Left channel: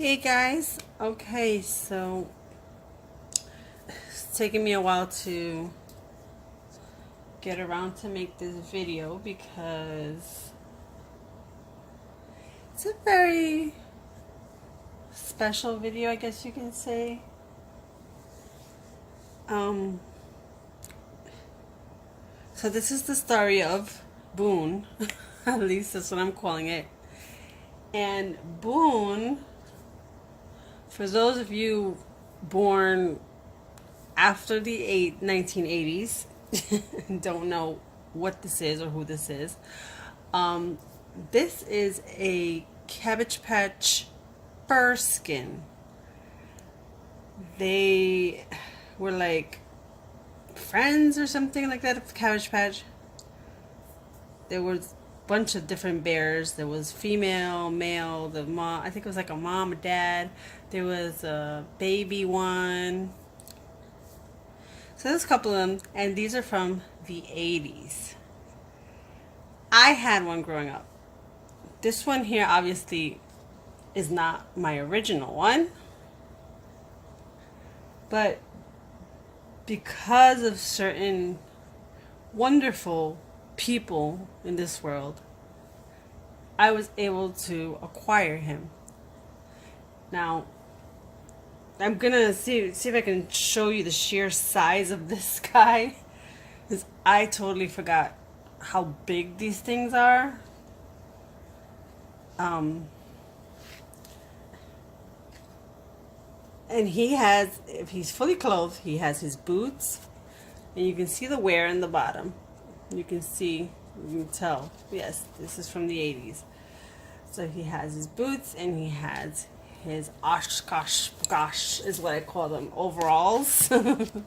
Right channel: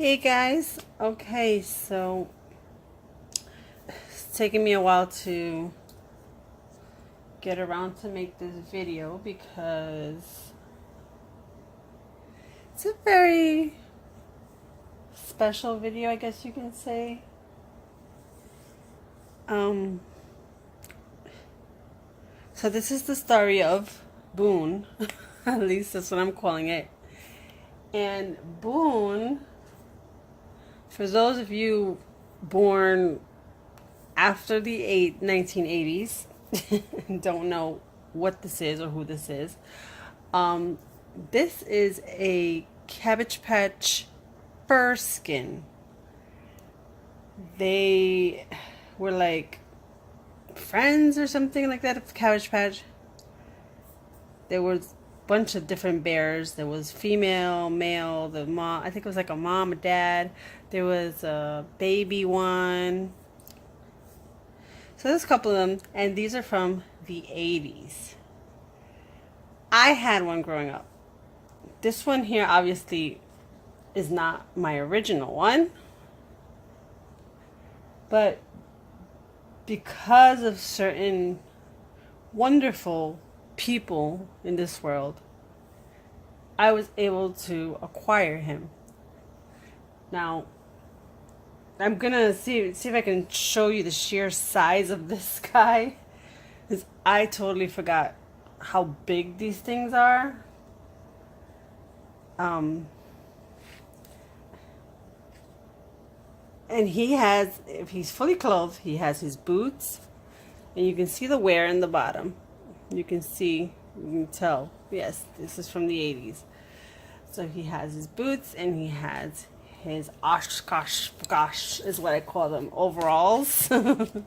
Hey guys, okay, so it's taken me a while to get around to make this video because it's a very special video, I guess you can say. Um, so this is the story of Boone, at least that's what I'm calling it. And Boone, for those of you born after the 1980s, don't know what this is or who this is. Um, this is a Cabbage Patch Furskin. They were like friends or something like that at the Cabbage Patch. There was a bunch of different bears. There was female, male, the mom. I think it was like a mom, a dad. There was a baby one. So there's a couple of them, and these are from the 80s. I had one growing up. This one here obviously is not my original one, but because of certain wonderful people in this world, I was able to acquire him. Now, I'm gonna see if I can show you the sheer size of this guy, because I totally forgot how big these things are. And he has, if he's fully clothed, he has his boots, and you can see the wear in the bottom. You can tell. Yes, this is from the 80s. So he has his boots, and he has his gosh is what I call them, overalls. And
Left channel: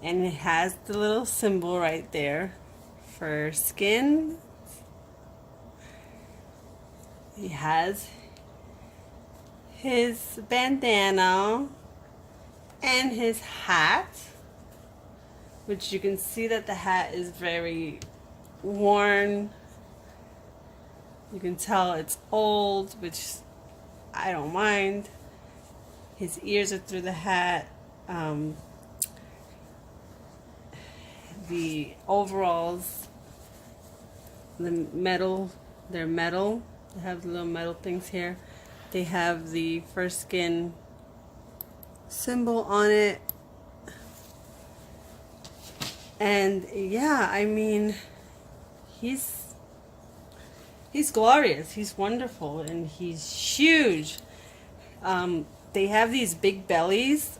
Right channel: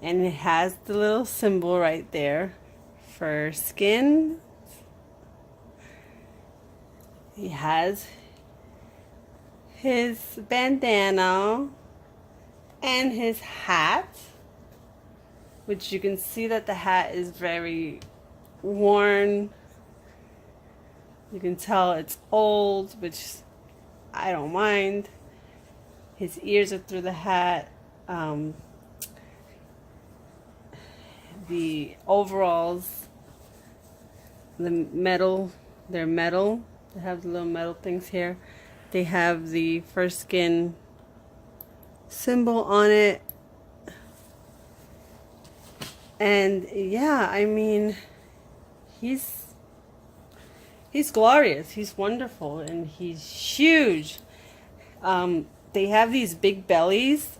it has the little symbol right there for skin. He has his bandana and his hat, which you can see that the hat is very worn. You can tell it's old, which I don't mind. His ears are through the hat. The overalls, they're metal. They have the little metal things here. They have the Furskin symbol on it. And yeah, I mean, he's glorious. He's wonderful, and he's huge. They have these big bellies.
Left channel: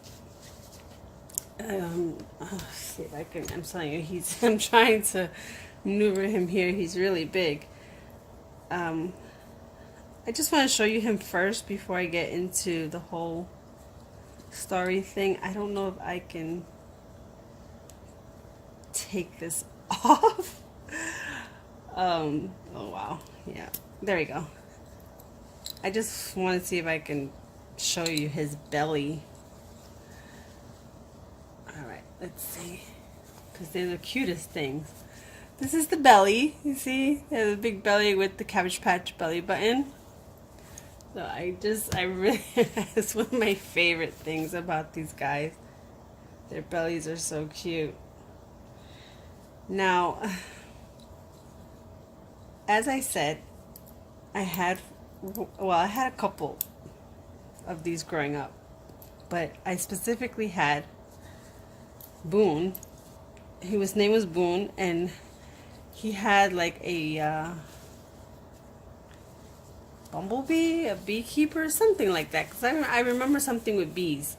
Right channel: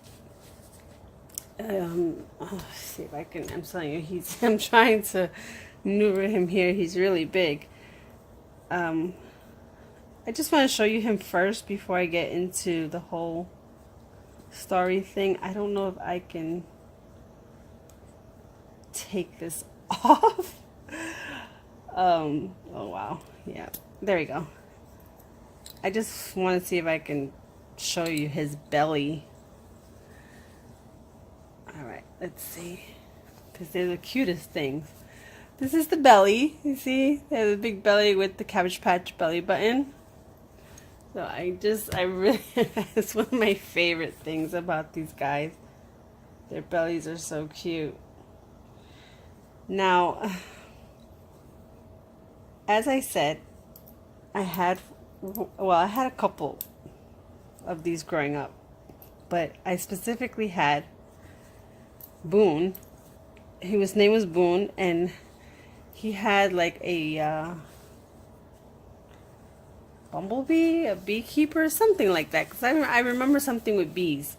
See if I can. I'm telling you, I'm trying to maneuver him here. He's really big. I just want to show you him first before I get into the whole story thing. I don't know if I can take this off. Oh wow. Yeah, there we go. I just want to see if I can show you his belly. Alright, let's see. Because they're the cutest things. This is the belly. You see? They have a big belly with the Cabbage Patch belly button. So I really, it's one of my favorite things about these guys. Their bellies are so cute. Now, as I said, I had a couple of these growing up, but I specifically had Boone. His name was Boone, and he had like a bumblebee, a beekeeper, something like that. Because I remember something with bees.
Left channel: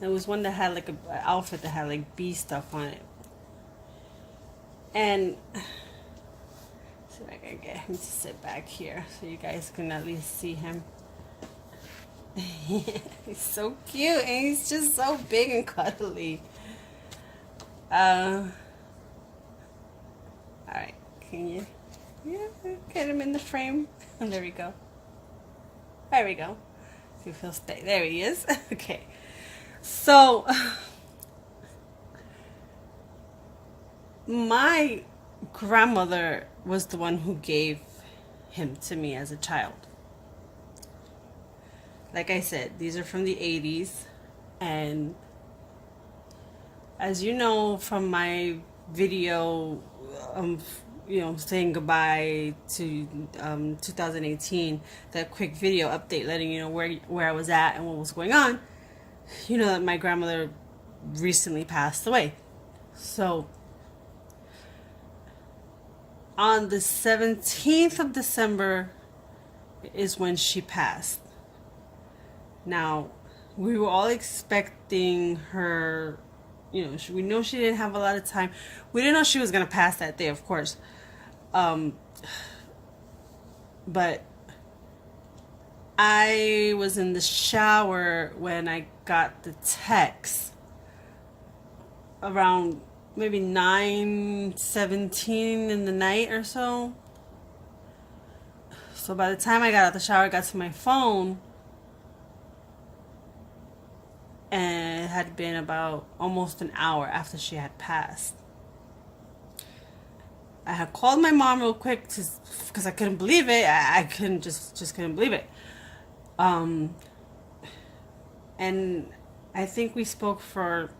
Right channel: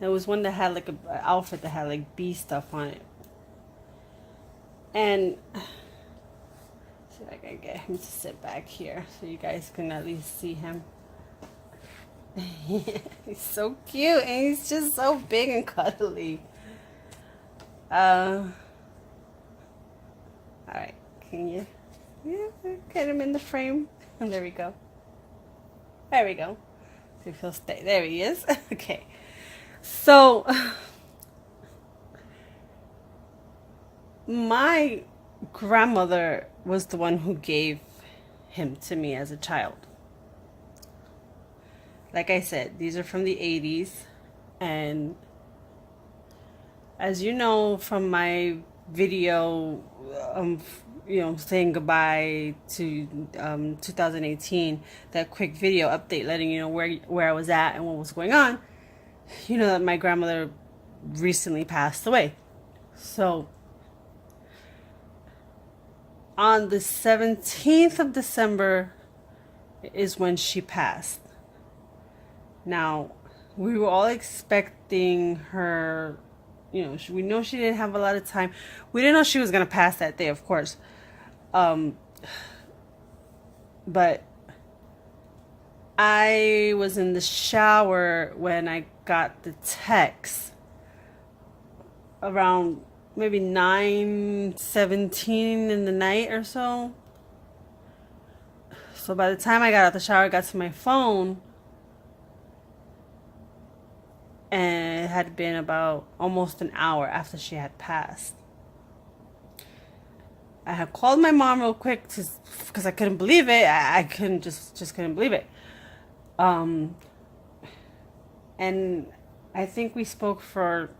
There was one that had like an outfit that had like bee stuff on it. And see if I can get him to sit back here so you guys can at least see him. He's so cute, and he's just so big and cuddly. Alright, can you get him in the frame? There we go. There we go. See if he'll stay. There he is. Okay. So, my grandmother was the one who gave him to me as a child. Like I said, these are from the 80s, and as you know from my video, saying goodbye to 2018, that quick video update letting you know where I was at and what was going on, you know that my grandmother recently passed away. So on the 17th of December is when she passed. Now, we were all expecting her, we know she didn't have a lot of time. We didn't know she was going to pass that day, of course. But I was in the shower when I got the text around maybe 9:17 in the night or so. So by the time I got out the shower, I got to my phone, and it had been about almost an hour after she had passed. I had called my mom real quick because I couldn't believe it. I couldn't just couldn't believe it. And I think we spoke for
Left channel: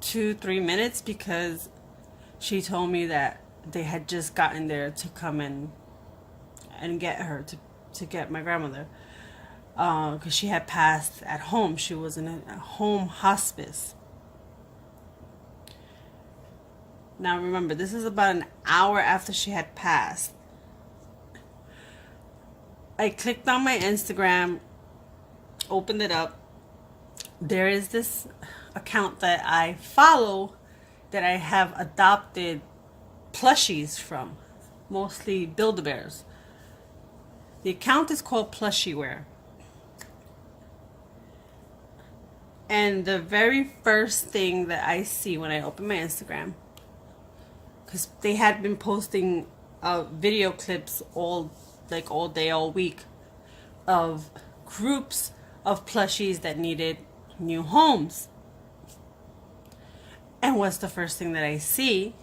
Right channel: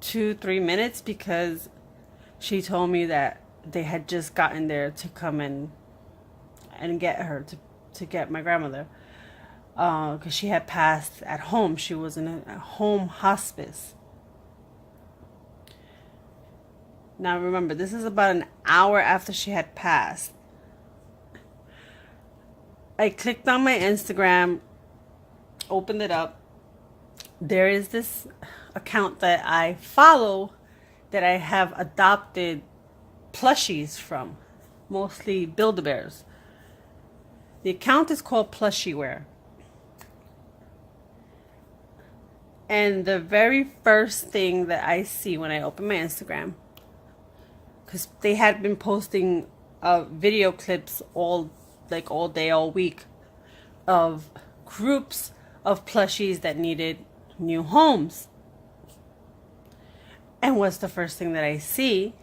2-3 minutes because she told me that they had just gotten there to come and get her to get my grandmother, because she had passed at home. She was in a home hospice. Now remember, this is about an hour after she had passed. I clicked on my Instagram, opened it up. There is this account that I follow that I have adopted plushies from, mostly Build-A-Bears. The account is called Plushieware. And the very first thing that I see when I open my Instagram, because they had been posting video clips all day, all week, of groups of plushies that needed new homes. And what's the first thing that I see?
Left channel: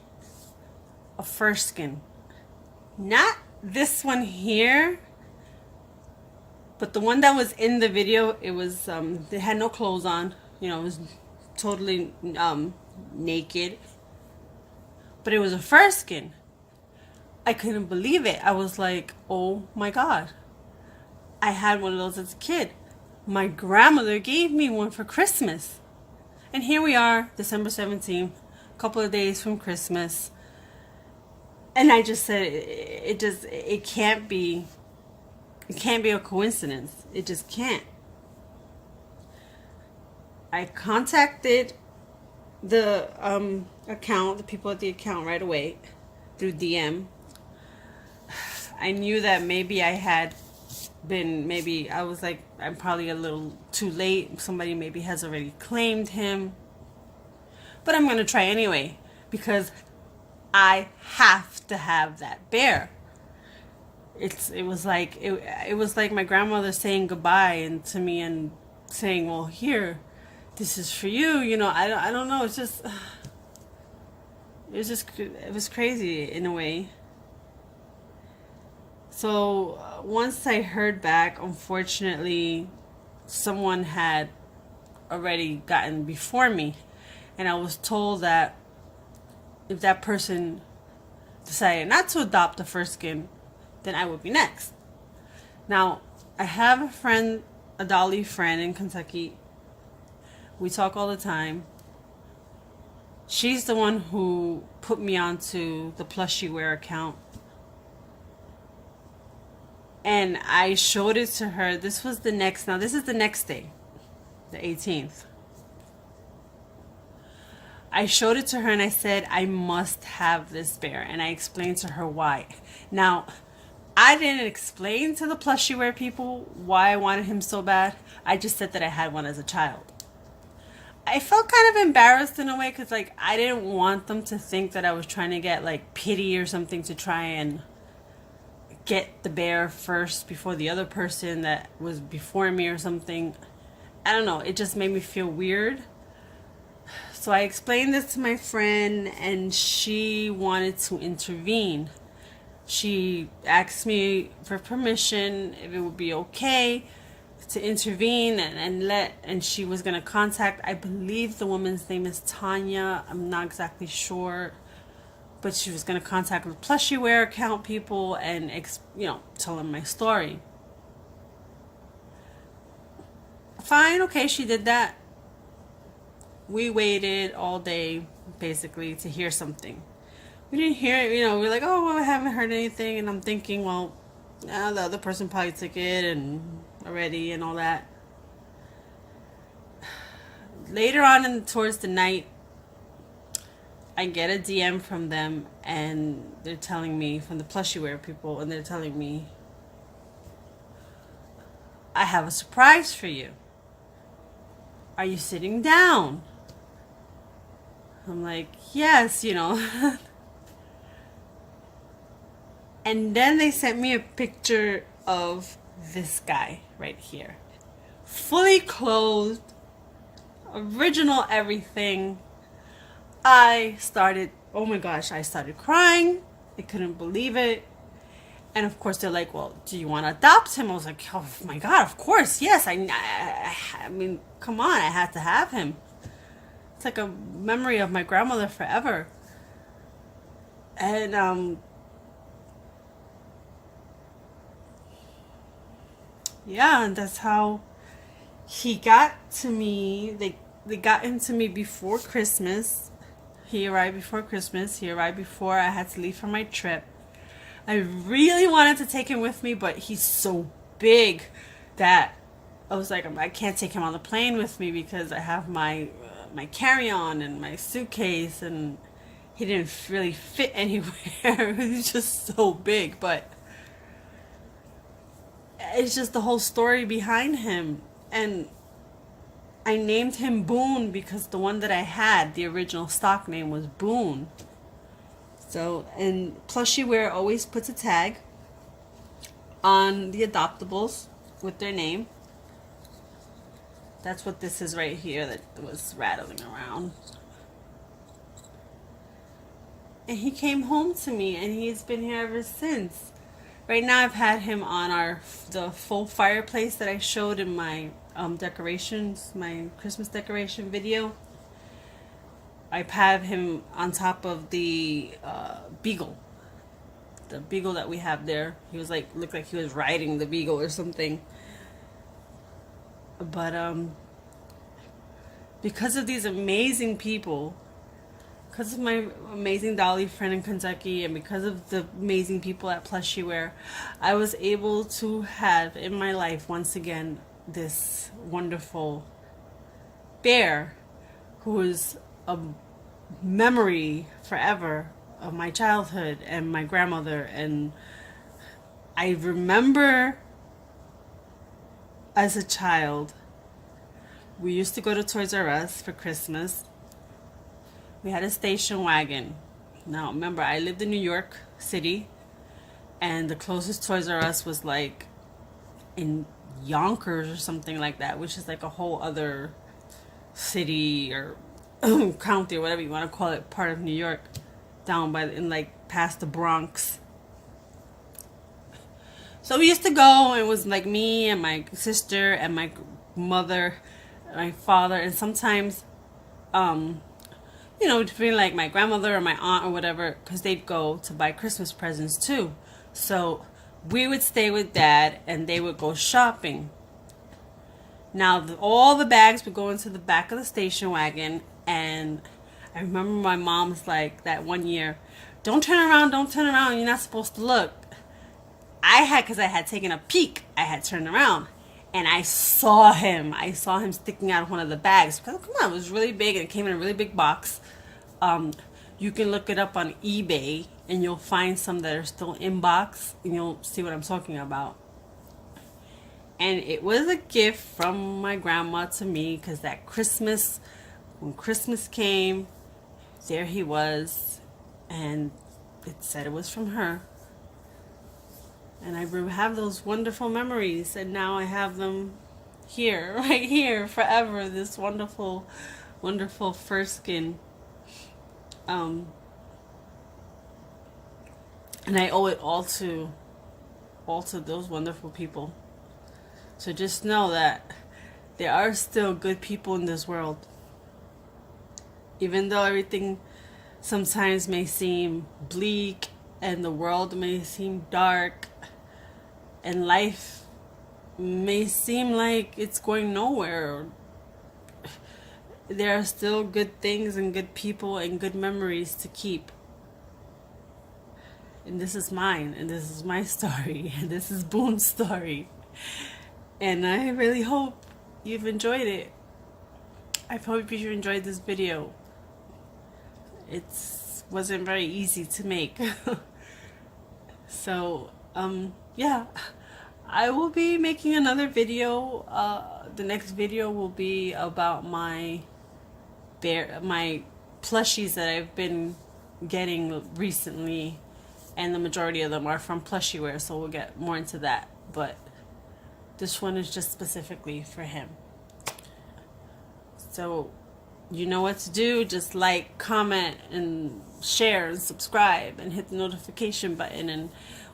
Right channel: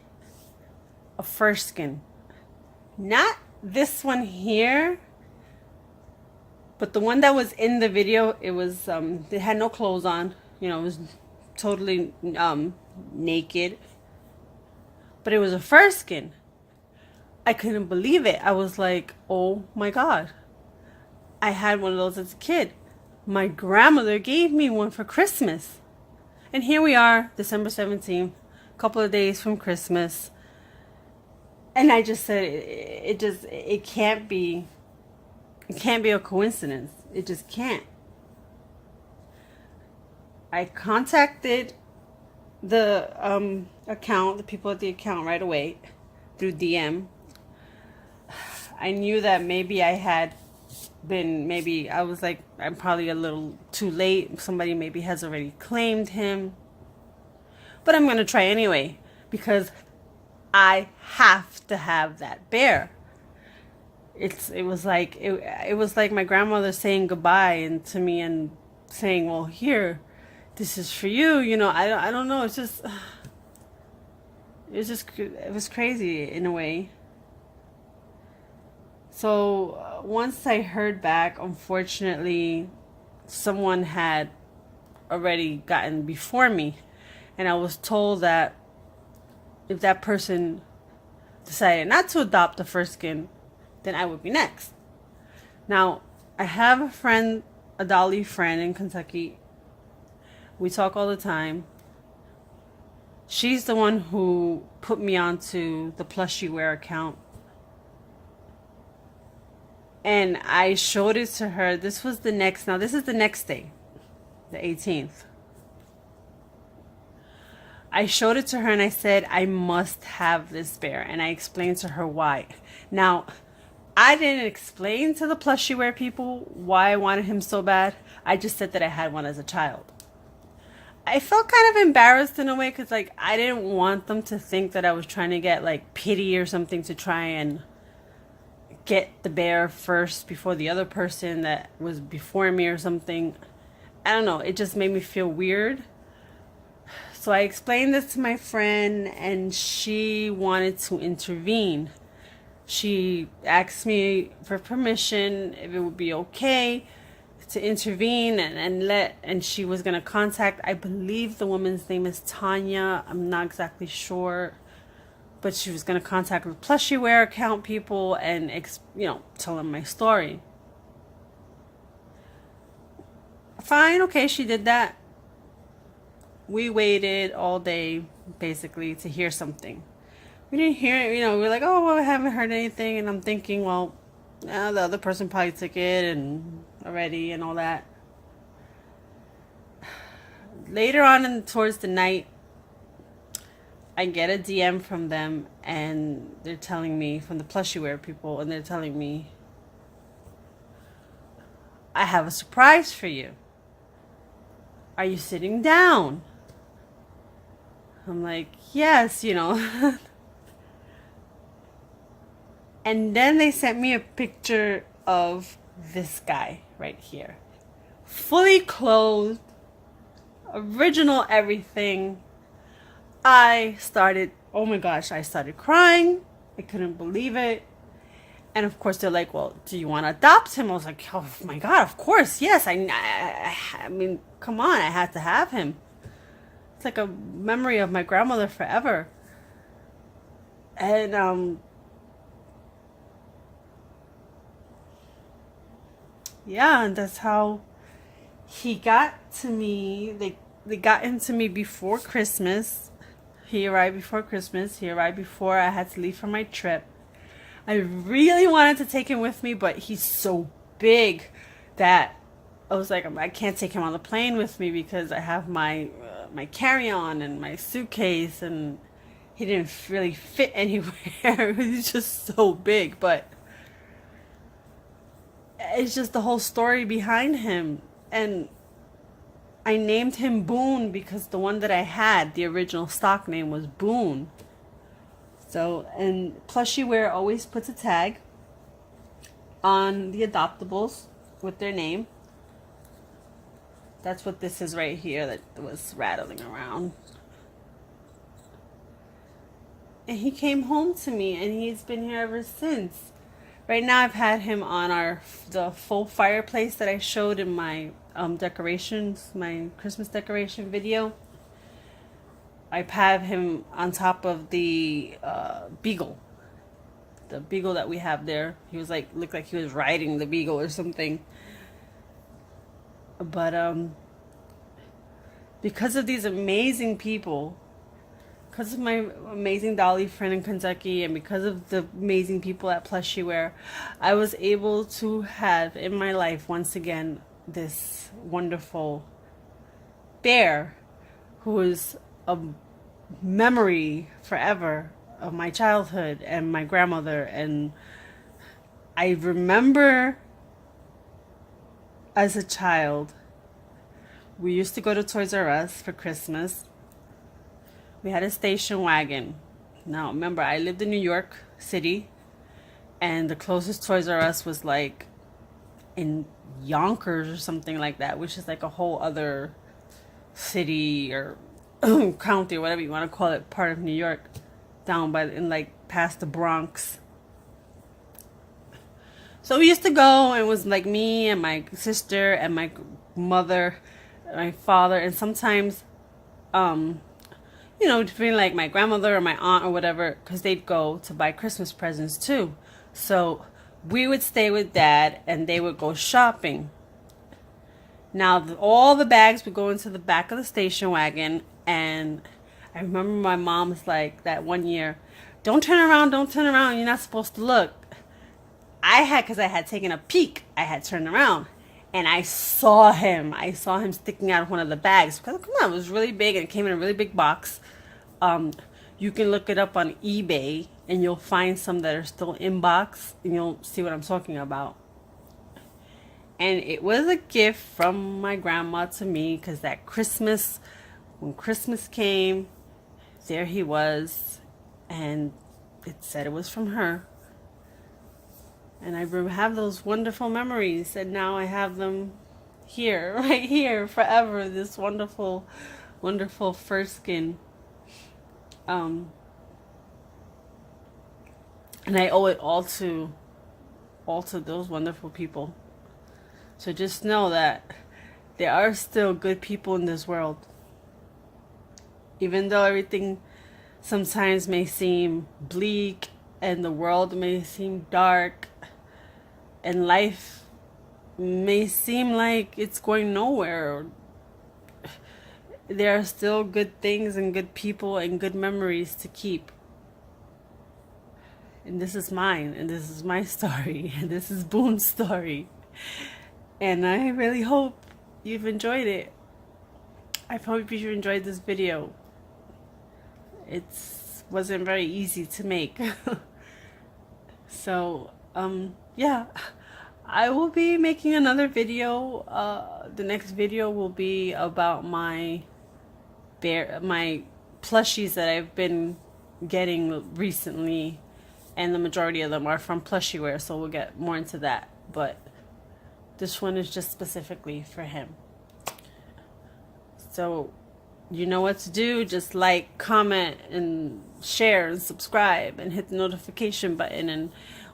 A Furskin. Not this one here, but the one that was in the video. It was, they had no clothes on. It was totally naked. But it was a Furskin. I couldn't believe it. I was like, oh my God. I had one of those as a kid. My grandmother gave me one for Christmas. And here we are, December 17th, a couple of days from Christmas. And I just said, it can't be a coincidence. It just can't. I contacted the account, the people at the account right away through DM. I knew that maybe I was like, I'm probably a little too late. Somebody maybe has already claimed him. But I'm going to try anyway, because I have to have that bear. It was like my grandmother saying goodbye and to me and saying, well, here, this is for you. I don't know. It was crazy in a way. So once I heard back, unfortunately, someone had already gotten before me. And I was told that if that person decided not to adopt a Furskin, then I would be next. Now, I have a friend, a Dolly friend in Kentucky. We talk all the time. She's the one who put me onto the Plushieware account. And I showed it to her. This is the next day, the 18th. I showed it to her and I said, I must have this bear. And I explained to her why. Now, I didn't explain to the Plushieware people why I wanted him so bad. I just said that I had one as a child. I felt kind of embarrassed in a way because, I didn't want them to think that I was trying to get, pity or something to try and get the bear first before the other person that was before me or something. I don't know. It just made me feel weird. So I explained this to my friend, and she wanted to intervene. She asked me for permission if it would be okay to intervene and she was going to contact, I believe the woman's name is Tanya. I'm not exactly sure, but she was going to contact the Plushyware account people and tell them my story. Fine, okay, she did that. We waited all day basically to hear something. We didn't hear it, we were like, oh, well, I haven't heard anything, and I'm thinking, well, now the other person probably took it and already and all that. Later on towards the night, I get a DM from them, and they're telling me, from the Plushyware people, and they're telling me, I have a surprise for you. Are you sitting down? I'm like, yes, And then they sent me a picture of this guy right here. Fully clothed, original everything. I started crying. I couldn't believe it. And of course they're like, well, do you want to adopt him? I was like, oh my God, of course, yes. I mean, come on, I had to have him. It's like a memory of my grandmother forever. And yeah, and that's how he got to me. They got him to me before Christmas. He arrived before Christmas. He arrived before I had to leave for my trip. I really wanted to take him with me, but he's so big that I was like, I can't take him on the plane with me because I have my carry-on and my suitcase, and he didn't really fit anywhere. He's just so big, but it's just the whole story behind him. And I named him Boone because the one that I had, the original stock name, was Boone. So, and Plushyware always puts a tag on the adoptables with their name. That's what this is right here that was rattling around. And he came home to me, and he's been here ever since. Right now I've had him on the full fireplace that I showed in my decorations, my Christmas decoration video. I've had him on top of the beagle. The beagle that we have there. He was looked like he was riding the beagle or something. But because of these amazing people, because of my amazing Dolly friend in Kentucky, and because of the amazing people at Plushyware, I was able to have in my life once again this wonderful bear who is a memory forever of my childhood and my grandmother. And I remember as a child, we used to go to Toys R Us for Christmas. We had a station wagon. Now, remember, I lived in New York City, and the closest Toys R Us was in Yonkers or something like that, which is a whole other city or county or whatever you want to call it, part of New York, down past the Bronx. So we used to go, and it was me and my sister and my mother, my father, and sometimes, between my grandmother or my aunt or whatever, because they'd go to buy Christmas presents too. So we would stay with Dad, and they would go shopping. Now, all the bags would go into the back of the station wagon, and I remember my mom's that one year, don't turn around, you're not supposed to look. Because I had taken a peek, I had turned around, and I saw him sticking out of one of the bags. Because, come on, it was really big, and it came in a really big box. You can look it up on eBay, and you'll find some that are still in box, and you'll see what I'm talking about. And it was a gift from my grandma to me, because that Christmas, when Christmas came, there he was, and it said it was from her. And I have those wonderful memories, and now I have them here, right here, forever. This wonderful, wonderful Furskin. And I owe it all to those wonderful people. So just know that there are still good people in this world. Even though everything sometimes may seem bleak and the world may seem dark and life may seem like it's going nowhere, there are still good things and good people and good memories to keep. And this is mine, and this is my story, and this is Boone's story. And I really hope you've enjoyed it. I hope you enjoyed this video. It wasn't very easy to make. So, yeah. I will be making another video. The next video will be about my plushies that I've been getting recently, and the majority of them are from Plushyware, so we'll get more into that. But this one is just specifically for him. So you know what to do. Just like, comment, and share, and subscribe, and hit the notification button. And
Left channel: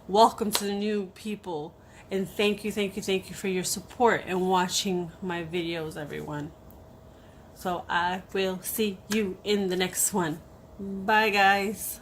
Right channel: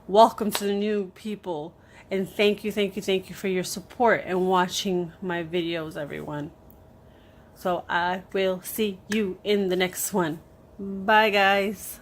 welcome to the new people. And thank you for your support and watching my videos, everyone. So I will see you in the next one. Bye, guys.